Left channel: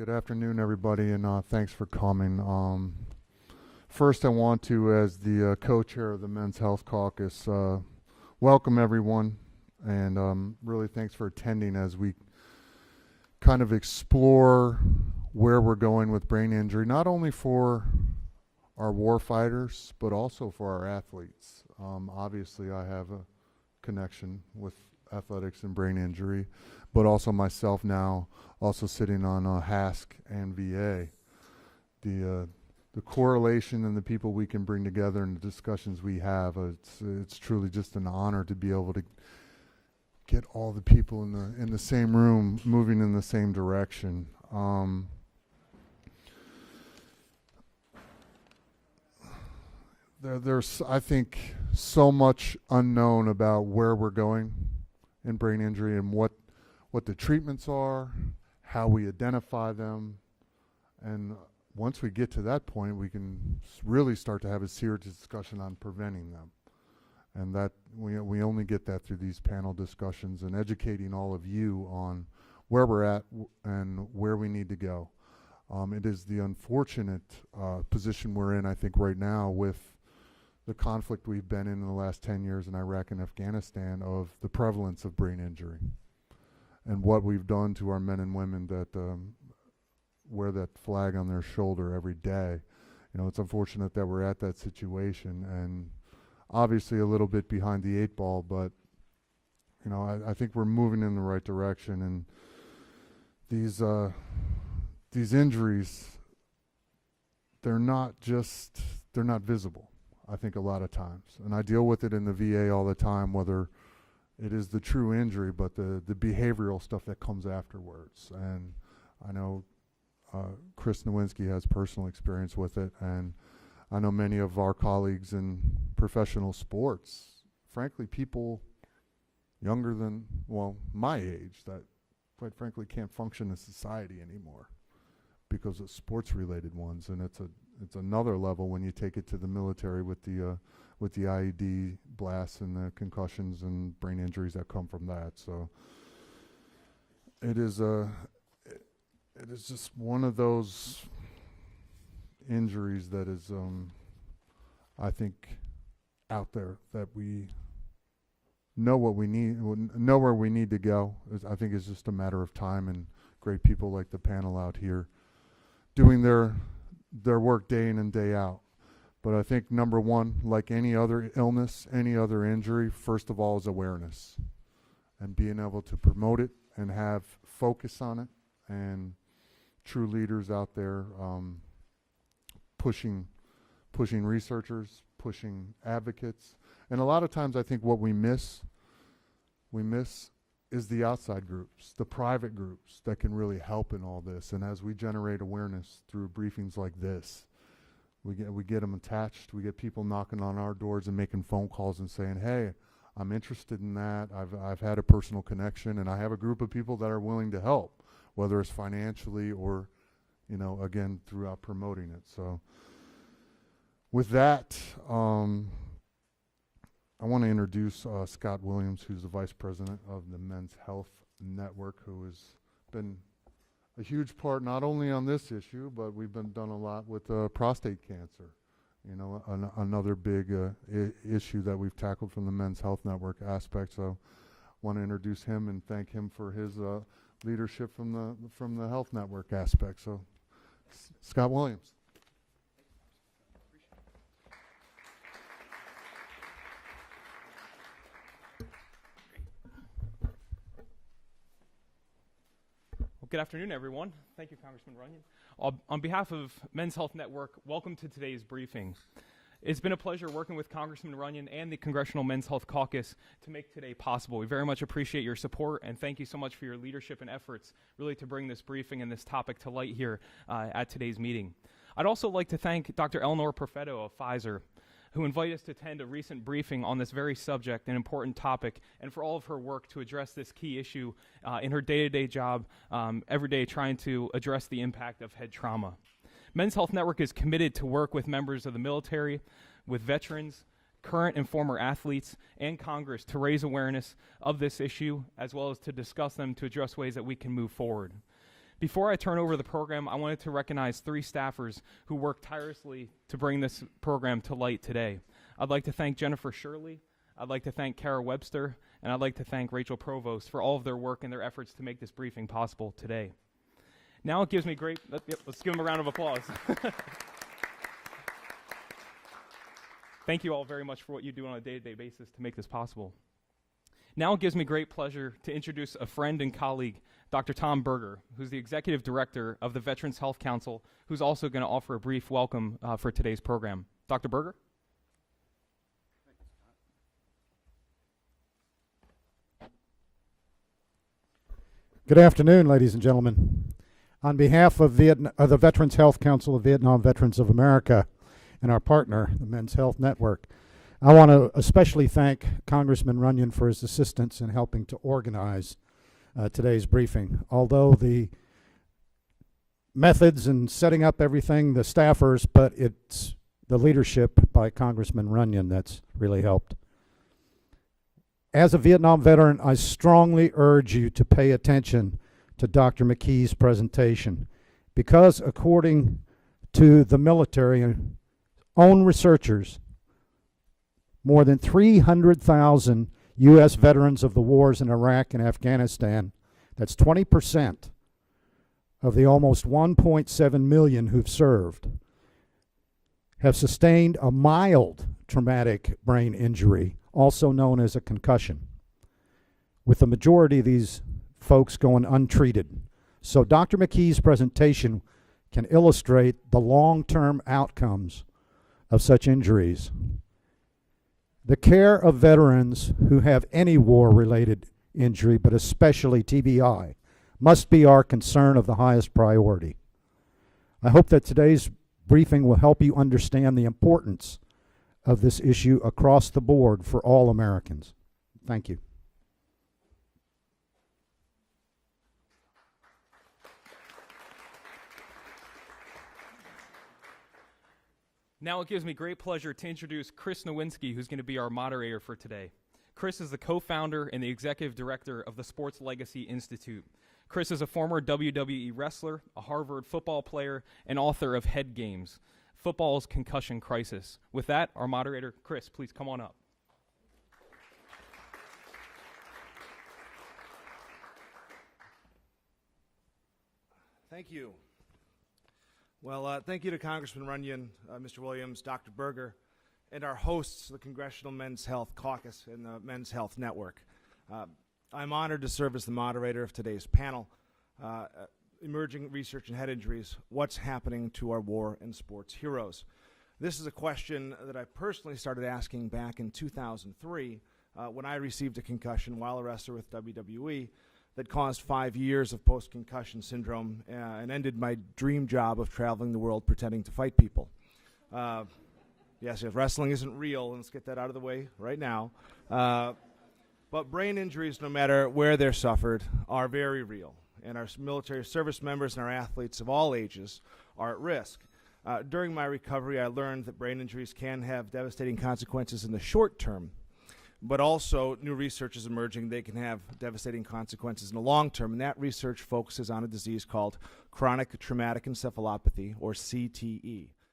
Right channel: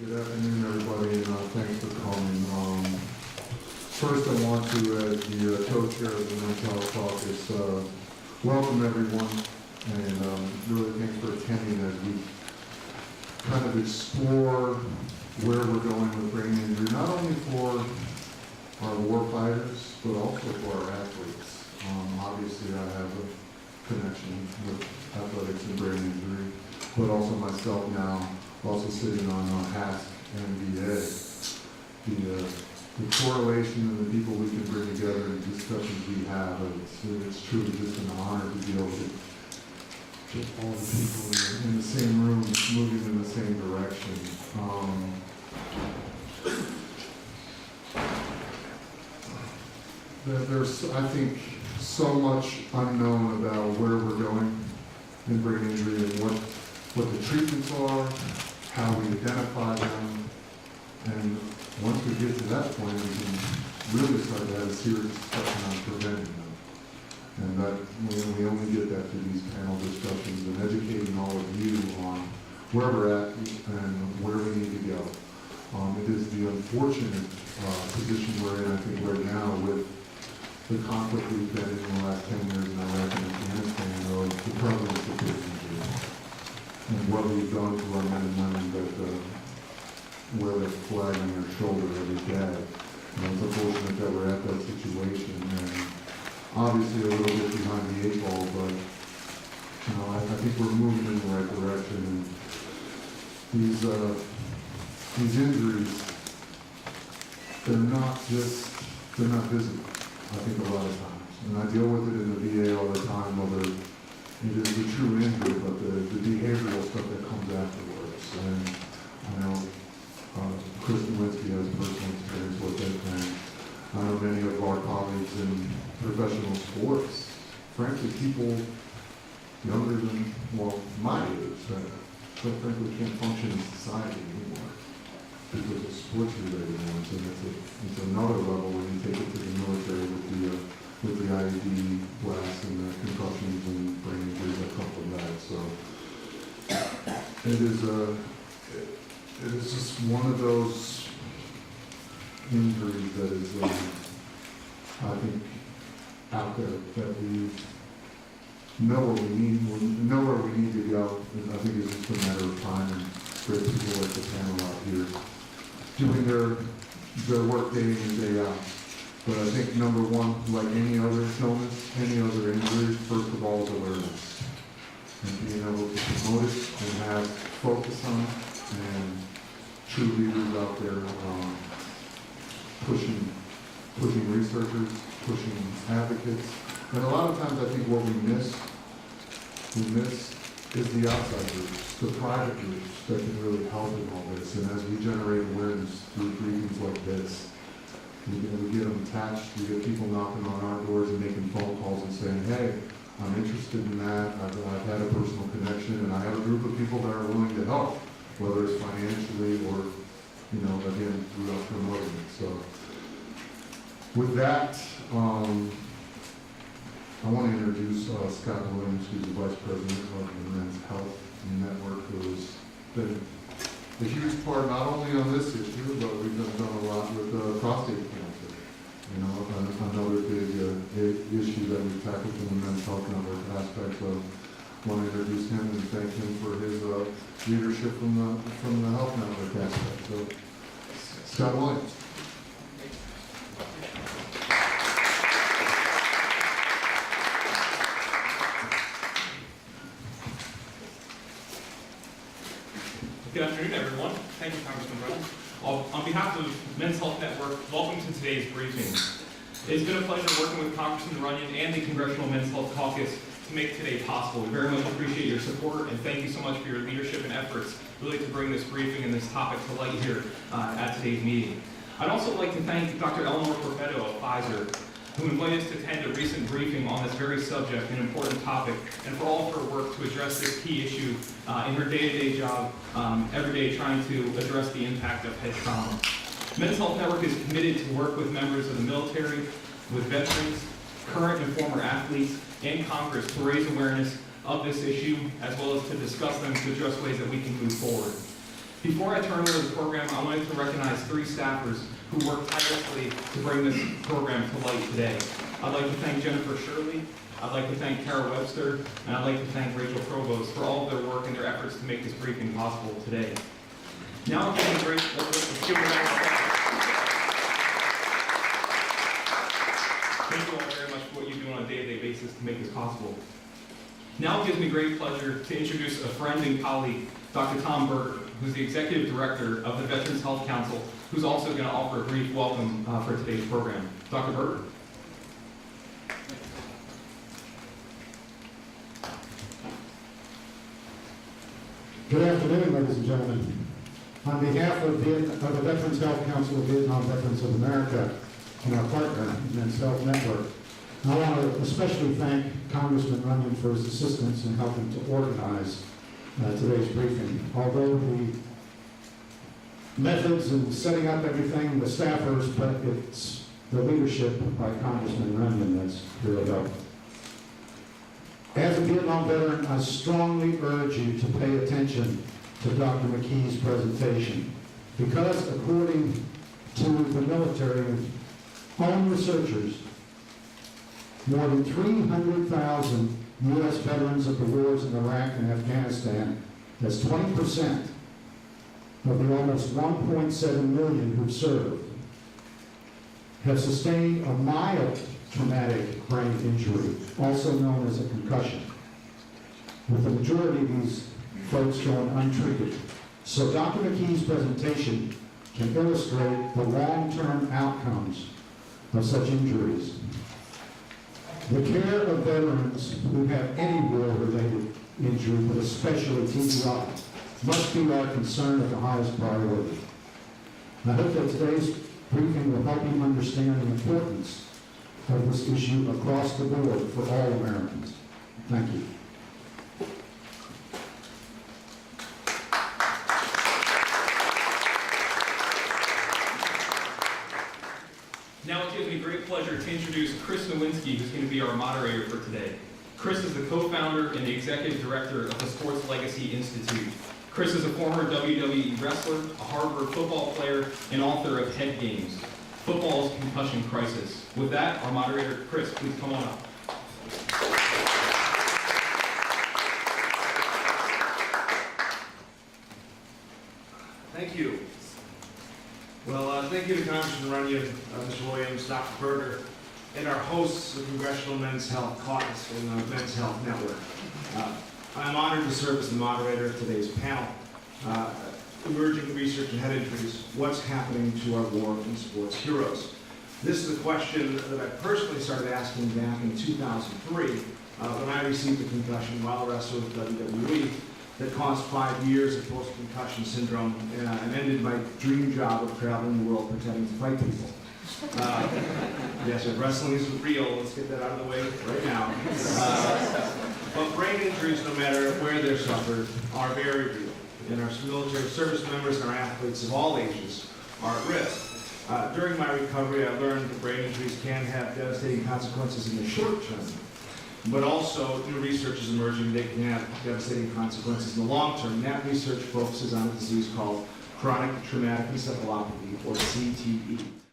Good afternoon, everybody, and thanks for coming. First, I want to, as the co-chair of the Mental Health Caucus, welcome everyone, and really thanks for attending as we kind of explore where we're going with brain injury, not only for our war fighters, but also for our athletes. Obviously, I have a connection with athletics and brain injury, but also myself now, also sitting on HASC and VA. The correlation and the people we can bring together and the discussions we have, it's truly just an honor to be able to get all the people in the same room moving in the same direction. There's, I think, so much unknown about where we're going in brain injury and what the treatments are, how we identify them, and once we get to that point, we can really start to have a serious discussion on preventing them. And that we only get that through these panel discussions and educating all of you on where we're at and where we need to go. It is the unfortunate position we're in, I think, right now with the conflict we've been in the last 10 years in Iraq and Afghanistan of the prevalence of brain injury and what we've done to our men and women that wear that flag on their shoulder every day. And it's unfortunate that we're at that situation, and obviously a little bit behind the 8 ball, but I think we're moving in the right direction. And these injuries, they're not visible, I think, a lot of times. And I deal with it in the VA all the time, whether it is the true injury, but the behavioral stuff that comes afterwards. And I know Chris Nowinski has personal experience with it, and I know many of our colleagues in professional sports, frankly, people younger than, well, my age, quite frankly, can't function in society anymore because of sports-related ones, and it's another level when you take it to the military with the IED blasts and the concussions and brain injuries that come from that. So it is just one of those injuries that is, I think, out there that we know where we need to go. I think it's just a matter of time, and there's people like the panel out here doing their work day in and day out. But I think number one, like any other illness, any other injury, first of all is awareness. And being able to promote it and have focus on it, and true leaders out there pushing researchers, pushing advocates. And a lot of times I think what we miss is the outside groups, the private groups that can really help in all this. And as we generate awareness through briefings like this, we get them attached, we get people knocking on our doors and making phone calls and saying, hey, I'm interested in that, I've had a personal connection, and I have a group of people that are willing to help, whether it's financially or, again, throughout promoting it. So with that, I want to introduce Scott Williams, who's the Vice President of the Men's Health Network, who has been a huge part not only on this issue, but we've done a lot with prostate cancer. Another big issue that we've tackled from the Men's Health Network aspect of. I want to introduce him and thank him for his leadership from the Health Network aspect. So, Scott Williams. Good afternoon, everyone. Thank you, Congressman Runyan. On behalf of the Men's Health Network, welcome to today's briefing. It's been a pleasure working with Congressman Runyan and the Congressional Men's Health Caucus to make today possible. We very much appreciate your support, and thank you so much for your leadership and efforts really to bring this briefing and this topic to light here at today's meeting. I'd also like to thank Dr. Eleanor Perfetto of Pfizer, who invited us to attend a recent briefing on this very subject, an important topic, and for all of her work to address this key issue in her day-to-day job, every day trying to address the impact of head trauma. Men's Health Network is committed to work with members of the military, with veterans, current and former athletes, and Congress to raise awareness of this issue, as well as to discuss them to address ways that we can move forward. Before I turn over the program, I wanted to recognize 3 staffers who worked tirelessly to bring this program to light today. I'd like to thank Jennifer Shirley, I'd like to thank Kara Webster, and I'd like to thank Rachel Provost for all of their work and their efforts to make this briefing possible today. Now it gives me great, let's give a round of applause. Thank you all very much for what you do on a day-to-day basis to make this possible. Now it gives me great pleasure to introduce a friend and colleague, Dr. Tom Berger, who's the Executive Director of the Veterans Health Council, who's also going to offer a brief welcome for today's program. Dr. Berger. Good afternoon, ladies and gentlemen. On behalf of the Veterans Health Council of Vietnam Veterans of America and our partner, Men's Health Network, I want to especially thank Congressman Runyan for his assistance in helping to organize today's briefing. Although the methods and setting up everything, the staffers, but it's the leadership by Congressman Runyan that's really helped. As a Vietnam veteran, I strongly urge you to pay attention to Dr. McKee's presentation, because according to the military and own researchers, more than 300,000 U.S. veterans of the wars in Iraq and Afghanistan, that's 20% of the almost 1.7 million who've served, have sustained a mild traumatic brain injury, also known as a concussion, with the majority of these folks going untreated. So Dr. McKee's presentation can illustrate the long-term outcomes of such injuries. The care of veterans who have any war-related injury, but especially TBI, must be our concern of the highest priority. I hope that today's briefing will help you understand the importance of this issue across the board for all Americans. Thank you. Now it gives me great pleasure to introduce Chris Nowinski, who's going to be our moderator for today. Chris is the co-founder and the executive director of the Sports Legacy Institute. Chris is a former WWE wrestler, a Harvard football player, and author of Head Games, Football's Concussion Crisis. With that, our moderator, Chris, please come on up. Thank you. Well, thank you to Congressman Runyan, Mr. Williams, Dr. Berger, and our hosts of the Congressional Men's Health Caucus and the Men's Health Network. I'm honored to serve as the moderator of today's panel. Emerging research and head injuries, what's happening to our war and sports heroes? This is a question that I personally started asking back in 2003 when I received a concussion while a wrestler with WWE that caused 5 years of post-concussion syndrome and ended my dream job of traveling the world pretending to fight people. Yes, if wrestling isn't real, let's get that out of the way right now. But brain injuries, no matter where they're suffered, are very real. And our military service members and our athletes of all ages are at risk. During my recovery, I learned that brain injuries can have devastating consequences in the short term, but also new research is emerging they can have devastating consequences in the long term. That research focuses on a disease called Chronic Traumatic Encephalopathy, or CTE.